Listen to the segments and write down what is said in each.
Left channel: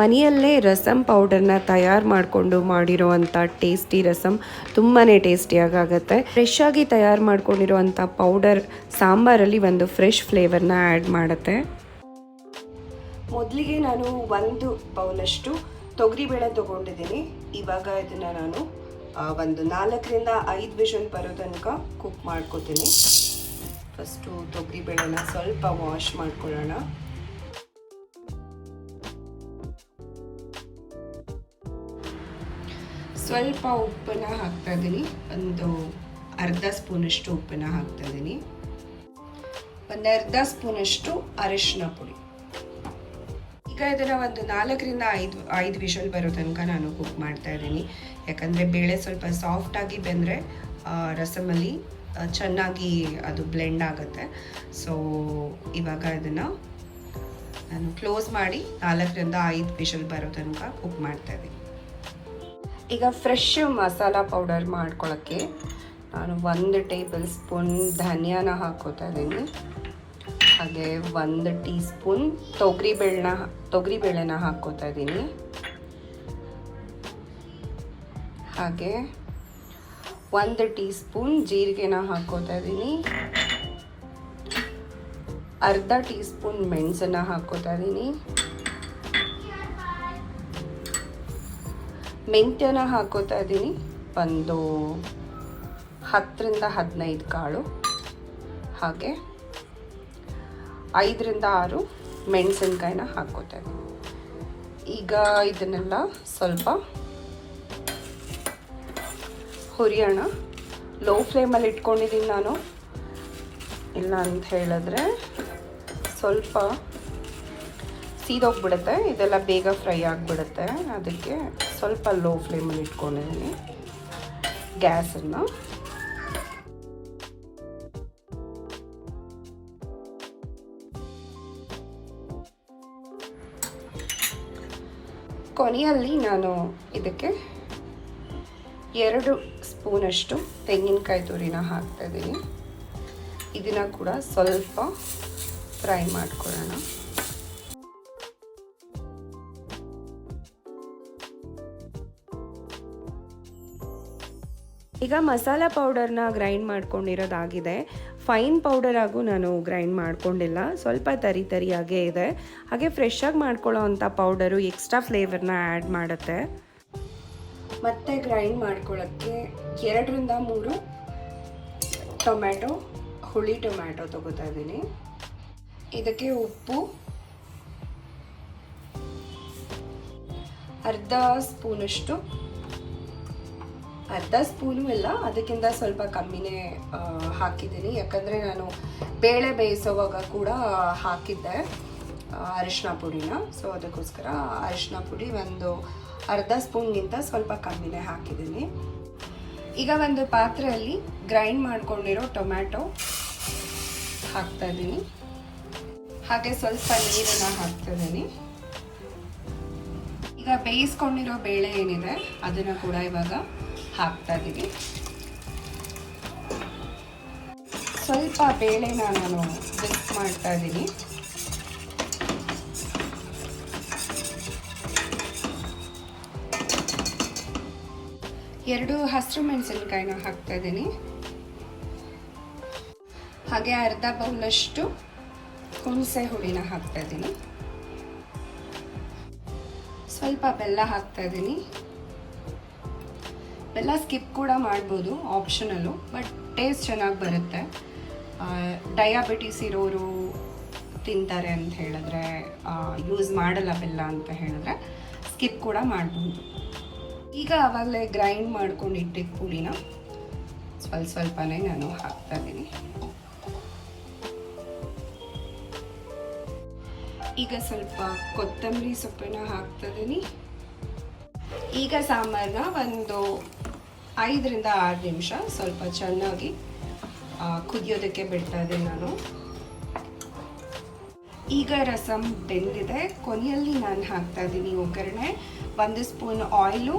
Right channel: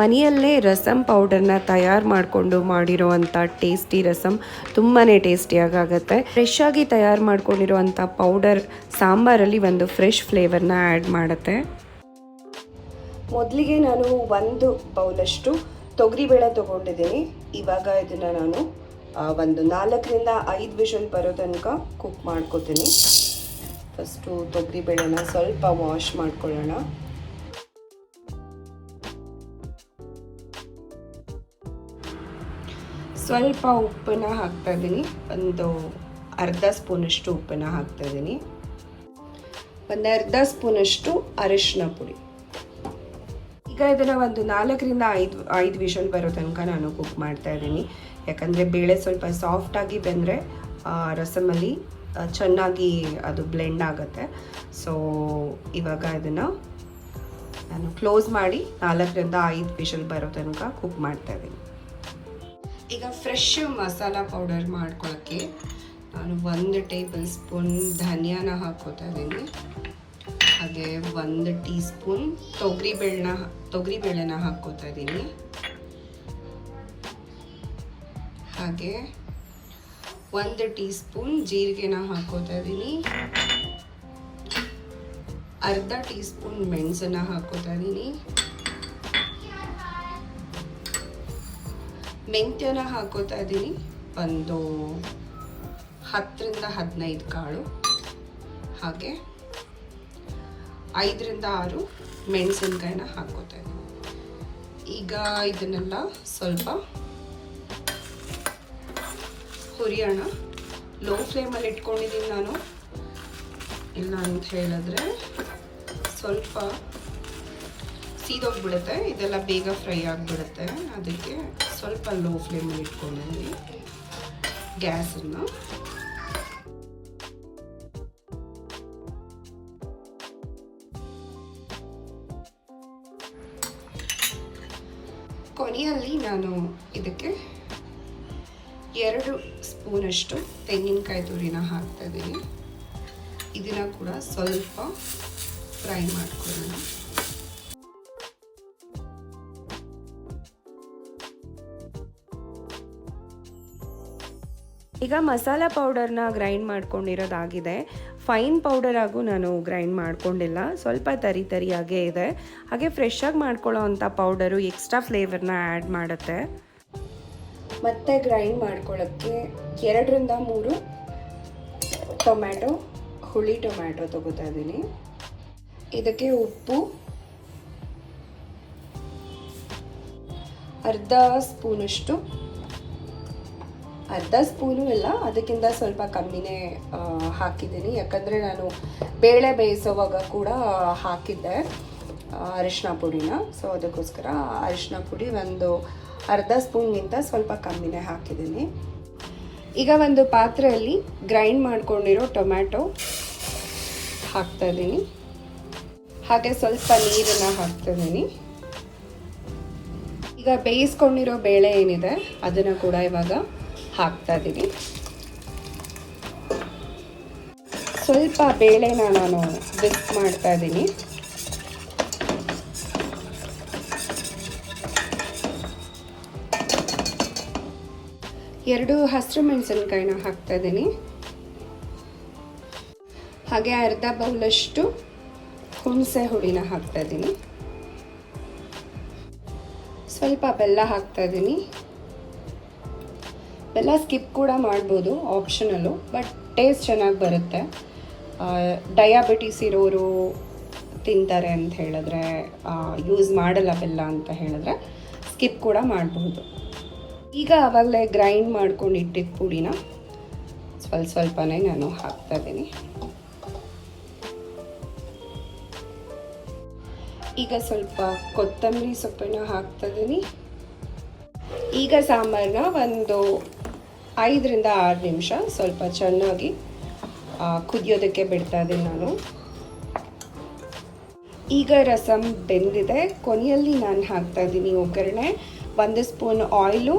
ಮನೆಯಲ್ಲೇ ರಸಮ್ ಪೌಡರ್ನ ತಯಾರು ಮಾಡಿಕೊಂಡು ಮಾಡಿರೋವಂಥ ಟೇಸ್ಟಿ ರಸಮ್ ತುಂಬಾ ಟೇಸ್ಟಿಯಾಗತ್ತೆ ಫ್ರೆಶ್ ಆಗಿ ತಯಾರು ಮಾಡ್ಕೊಂಡಿರೋವಂಥ ಪೌಡರ್ ಸಾಂಬಾರಲ್ಲಿ ಒಂದು ಫ್ರೆಶ್ ಫ್ಲೇವರ್ನ ಆ್ಯಡ್ ಮಾಡುತ್ತೆ. ಮೊದಲಿಗೆ ನಾನು ಒಂದು ಬೌಲಷ್ಟು ತೊಗರಿಬೇಳೆ ತೊಗೊಂಡಿದ್ದೀನಿ. ಇವಾಗ ಇದನ್ನು ನಾನು ಒಂದು ನಾಲ್ಕರಿಂದ ಐದು ವಿಷಲ್ ಬರೋ ತನಕ ಕುಕ್ ಮಾಡ್ಕೋತೀನಿ. ಫಸ್ಟು ತೊಗರಿಬೇಳೆನ ಸ್ವಲ್ಪ ವಾಶ್ ಮಾಡ್ಕೊಳ್ಳೋಣ. ಸ್ವಲ್ಪ ಉಪ್ಪನ್ನ ಹಾಕ್ತಾ ಇದ್ದೀನಿ. ಒಂದು ಅರ್ಧ ಸ್ಪೂನಷ್ಟು ಉಪ್ಪನ್ನ ಹಾಕ್ತಾ ಇದ್ದೀನಿ. ಒಂದು ಅರ್ಧ ಸ್ಪೂನಷ್ಟು ಅರಿಶಿನ ಪುಡಿ. ಈಗ ಇದನ್ನು ಒಂದು ನಾಲ್ಕರಿಂದ ಐದು ಐದು ವಿಷಲ್ ಬರೋ ತನಕ ನಾನು ಕುಕ್ ಮಾಡ್ತಾ ಇದ್ದೀನಿ. ಯಾಕಂದರೆ ಬೇಳೆ ಸ್ವಲ್ಪ ಸಾಫ್ಟಾಗಿ ಬೆಂದರೆ ರಸಮಲ್ಲಿ ಚೆನ್ನಾಗಿ ಅದು ಬ್ಲೆಂಡ್ ಆಗುತ್ತೆ. ಸೊ ಇವಾಗ ಇದನ್ನು ನಾನು ಕ್ಲೋಸ್ ಮಾಡಿ ನಾಲ್ಕರಿಂದ ಐದು ವಿಷಲ್ ಬರೋ ತನಕ ಕುಕ್ ಮಾಡ್ತಾ ಇದ್ದೀನಿ. ಈಗ ಫ್ರೆಶ್ ಮಸಾಲ ಪೌಡರ್ ಮಾಡ್ಕೊಳ್ಳೋಕ್ಕೆ ನಾನು ಒಂದು ಟೇಬಲ್ ಸ್ಪೂನ್ ಧನಿಯಾನ ಹಾಕೋತಾ ಇದ್ದೀನಿ. ಹಾಗೆ ಒಂದು ಟೀ ಸ್ಪೂನ್ ತೊಗರಿ ಬೇಳೆನ ಹಾಕ್ಕೋತಾ ಇದ್ದೀನಿ. ಹಾಗೆ ಒಂದು ಟೀ ಸ್ಪೂನ್ ಜೀರಿಗೆನ ಹಾಕ್ಕೋತಾ ಇದ್ದೀನಿ. ಅರ್ಧ ಟೀ ಸ್ಪೂನ್ ಮೆಣಸನ್ನ ಹಾಕ್ಕೋತಾ ಇದ್ದೀನಿ. ಮೆಂತ್ಯನ ಹಾಕೋತಾ ಇದ್ದೀನಿ. ಒಂದು ಹತ್ತರಿಂದ ಹದಿನೈದು ಕಾಳು. ಹಾಗೆ ಐದರಿಂದ ಆರು ಮೆಣಸಿನ್ಕಾಯಿನ ಹಾಕೋತಾ ಇದ್ದೀನಿ. ಈಗ ಇದನ್ನೆಲ್ಲ ಸ್ವಲ್ಪ ಹುರಿಯೋಣ. ಲೋ ಫ್ಲೇಮಲ್ಲಿ ಇಟ್ಕೊಂಡಿದ್ದೀನಿ ನಾನು. ಇಲ್ಲ ಅಂತ ಹೇಳಿದ್ರೆ ಸ್ವಲ್ಪ ಸೀದೋಗ್ಬಿಡುತ್ತೆ. ಇದೆಲ್ಲ ಬೇಗ ಫ್ರೈ ಆಗಿಬಿಡುತ್ತೆ. ಅದಕ್ಕೆ ಸ್ವಲ್ಪ ಲೋ ಫ್ಲೇಮಲ್ಲಿ ಇಟ್ಕೊಂಡಿದ್ದೀನಿ. ಗ್ಯಾಸನ್ನು ಕೊನೆಯಲ್ಲಿ ನಾನು ಇದಕ್ಕೆ ಎರಡು ಸ್ಪೂನಷ್ಟು ತೆಂಗಿನಕಾಯಿ ತುರಿನ ಹಾಕ್ತಾ ಇದ್ದೀನಿ. ಇದನ್ನ ಕೂಡ ಸ್ವಲ್ಪ ಫ್ರೈ ಮಾಡ್ಕೊಳ್ಳೋಣ. ಈಗ ಮಸಾಲ ಪೌಡರ್ನ ಗ್ರೈಂಡ್ ಮಾಡ್ಕೊಂಡಿರೋದಾಗಿದೆ. ಫೈನ್ ಪೌಡರ್ ಆಗು ನಾನು ಗ್ರೈಂಡ್ ಮಾಡ್ಕೊಂಡಿಲ್ಲ. ಸ್ವಲ್ಪ ತರಿ ತರಿಯಾಗೇ ಇದೆ. ಹಾಗೆ ಫ್ರೆಶ್ ಆಗಿ ಮಾಡ್ಕೊಳ್ಳೋ ಅಂಥ ಪೌಡರು ಎಕ್ಸ್ಟ್ರಾ ಫ್ಲೇವರ್ನ ಆ್ಯಡ್ ಮಾಡುತ್ತೆ. ಮತ್ತೆ ಗ್ರೈಂಡ್ ಮಾಡ್ಕೊಳ್ಳೋಕ್ಕೆ ಎರಡರಿಂದ ಮೂರು ಟೊಮ್ಯಾಟೊ ಹುಳಿ ಟೊಮ್ಯಾಟೊ ತಗೋತಾ ಇದ್ದೀನಿ. ಇದಕ್ಕೆ ಉಪ್ಪು, ಅರ್ಧ ಸ್ಪೂನಷ್ಟು ಅರ್ಧ ಸ್ಪೂನು ಇಲ್ಲ, ಅದಕ್ಕಿಂತ ಸ್ವಲ್ಪ ಕಮ್ಮಿನೇ ಹಾಕಿದ್ದೀನಿ. ಯಾಕಂದರೆ ನಾನು ಬೇಳೆ ಬೇಯಿಸೋವಾಗ ಕೂಡ ಹಾಕಿದ್ದೆ ಅರಿಶಿನ ಪುಡಿನ. ಸೊ ಅದಕ್ಕೋಸ್ಕರ ಅರಿಶಿನ ಪುಡಿ ಒಂದು ಅರ್ಧ ಸ್ಪೂನ್ಗಿಂತ ಸ್ವಲ್ಪ ಕಮ್ಮಿನೇ ಹಾಕಿದ್ದೀನಿ. ಈಗ ಒಂದು ಪಾತ್ರೆಯಲ್ಲಿ ಗ್ರೈಂಡ್ ಮಾಡ್ಕೊಂಡಿರೋ ಟೊಮ್ಯಾಟೊ ಹಾಕ್ತಾ ಇದ್ದೀನಿ. ಹಾಗೆ ಸ್ವಲ್ಪ ನೀರನ್ನು ಹಾಕ್ತಾ ಇದ್ದೀನಿ. ಈಗ ಬೇಯಿಸ್ಕೊಂಡಿರೋ ಬೇಳೆ ಏನಿದೆ, ಅದನ್ನು ಕೂಡ ಇವಾಗ ಹಾಕ್ತಾ ಇದ್ದೀವಿ ಸ್ವಲ್ಪ ಬೇಳೆನ ನಾನು ಬಿಸ್ ಮಾಡ್ತಾ ಇದ್ದೀನಿ ಎರಡು ಹಸಿರು ಮೆಣಸಿನ್ಕಾಯಿನ ಹಾಕ್ತಾ ಇದ್ದೀನಿ ಹಾಗೆ ಅರ್ಧ ಬೌಲಷ್ಟು ಹುಣಸೆ ಹುಳಿನ ಹಾಕ್ತಾ ಇದ್ದೀನಿ ಸ್ವಲ್ಪ ಬೆಲ್ಲ ಹಾಕ್ತಾ ಇದ್ದೀನಿ ಬೆಲ್ಲ ಸ್ಕಿಪ್ ಕೂಡ ಮಾಡ್ಬೋದು ಆಪ್ಷನಲ್ಲು ಬಟ್ ಟೇಸ್ಟ್ ಚೆನ್ನಾಗಿ ಬರುತ್ತೆ. ಡಯಾಬಿಟಿಸ್ ಇರೋರು ತಿಂತಾರೆ ಅಂತ ಹೇಳಿದ್ರೆ ಯೂಸ್ ಮಾಡಲ್ಲ ಬೆಲ್ಲ ಅಂತ ಹೇಳಿದ್ರೆ ಸ್ಕಿಪ್ ಕೂಡ ಮಾಡಬಹುದು ಈಗ ಆವಾಗಲೇ ಗ್ರೈಂಡ್ ಮಾಡ್ಕೊಂಡು ಇಟ್ಟಿದ್ದ ಪುಡಿನ ಸ್ವಲ್ಪ ಸ್ವಲ್ಪನೇ ನಾನು ಹಾಕ್ತಾ ಇದ್ದೀನಿ. ಈಗ ಸ್ವಲ್ಪ ಕೊತ್ತಂಬರಿ ಸೊಪ್ಪನ್ನ ಹಾಕ್ತಾ ಇದ್ದೀನಿ. ಈಗ ಸಾಂಬಾರನ್ನ ಒಂದು ಐದರಿಂದ ಆರು ನಿಮಿಷ. ಸ್ವಲ್ಪ ಚೆನ್ನಾಗಿ ಕುದಿಯೋದಕ್ಕೆ ಬಿಡ್ತಾ ಇದ್ದೀನಿ ನಾನು. ಈಗ ರಸಮ್ ಬೆಂದಿದೆ. ಕೊನೆಯಲ್ಲಿ ನಾನು ಹಾಕ್ತಾ ಇದ್ದೀನಿ ಒಗ್ಗರಣೆ. ಒಂದು spoon oil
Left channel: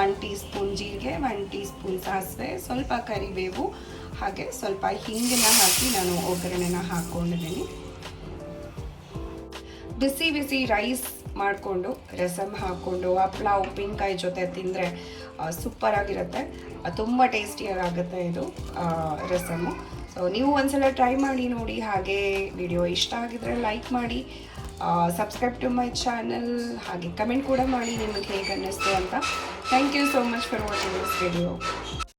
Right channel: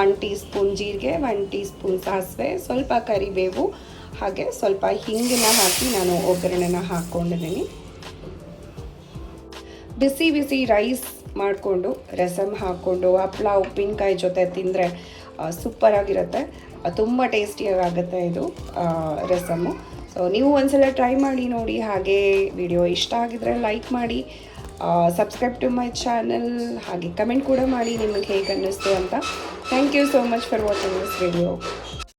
one teaspoon ಜೀರಿಗೆ ಒನ್ ಟೀ ಸ್ಪೂನ್ ಸಾಸಿವೆ, ಸ್ವಲ್ಪ ಕರಿಬೇವು, ಹಾಗೆ ಸ್ವಲ್ಪ ಹಿಂಗಿನ ಹಾಕಿ ನಾನು ಒಗ್ಗರಣೆನ ಹಾಕ್ಕೊಂಡಿದ್ದೀನಿ. ಬಿಸಿ ಬಿಸಿ ರೈಸ್ ಮಾಡಿಕೊಂಡು ರಸಮ್ ಹಾಕ್ಕೊಂಡು ಹಪ್ಳ, ಉಪ್ಪಿನಕಾಯಿ ಜೊತೆ ತಿಂದರೆ ಸೂಪರಾಗಿರುತ್ತೆ ತುಂಬ ಟೇಸ್ಟಿಯಾಗುತ್ತೆ ಇದು ರಸಮು. ರಸಮ್ಮು ಸೊ ನೀವು ಒಂದ್ಸಲ ಟ್ರೈ ಮಾಡಿ ನೋಡಿ ಹಾಗೆ ವಿಡಿಯೋ ಇಷ್ಟ ಆಗಿದ್ರೆ ಲೈಕ್ ಮಾಡಿ. ಸಬ್ಸ್ಕ್ರೈಬ್ ಟು ಮೈ ಚಾನಲ್ ಹಾಗೆ ಕಮೆಂಟ್ ಕೂಡ ಮಾಡಿ ನಿಮಗೆ ಹೇಗೆ ಅನ್ನಿಸ್ತು ಅಂತ. Thank you so much for watching this video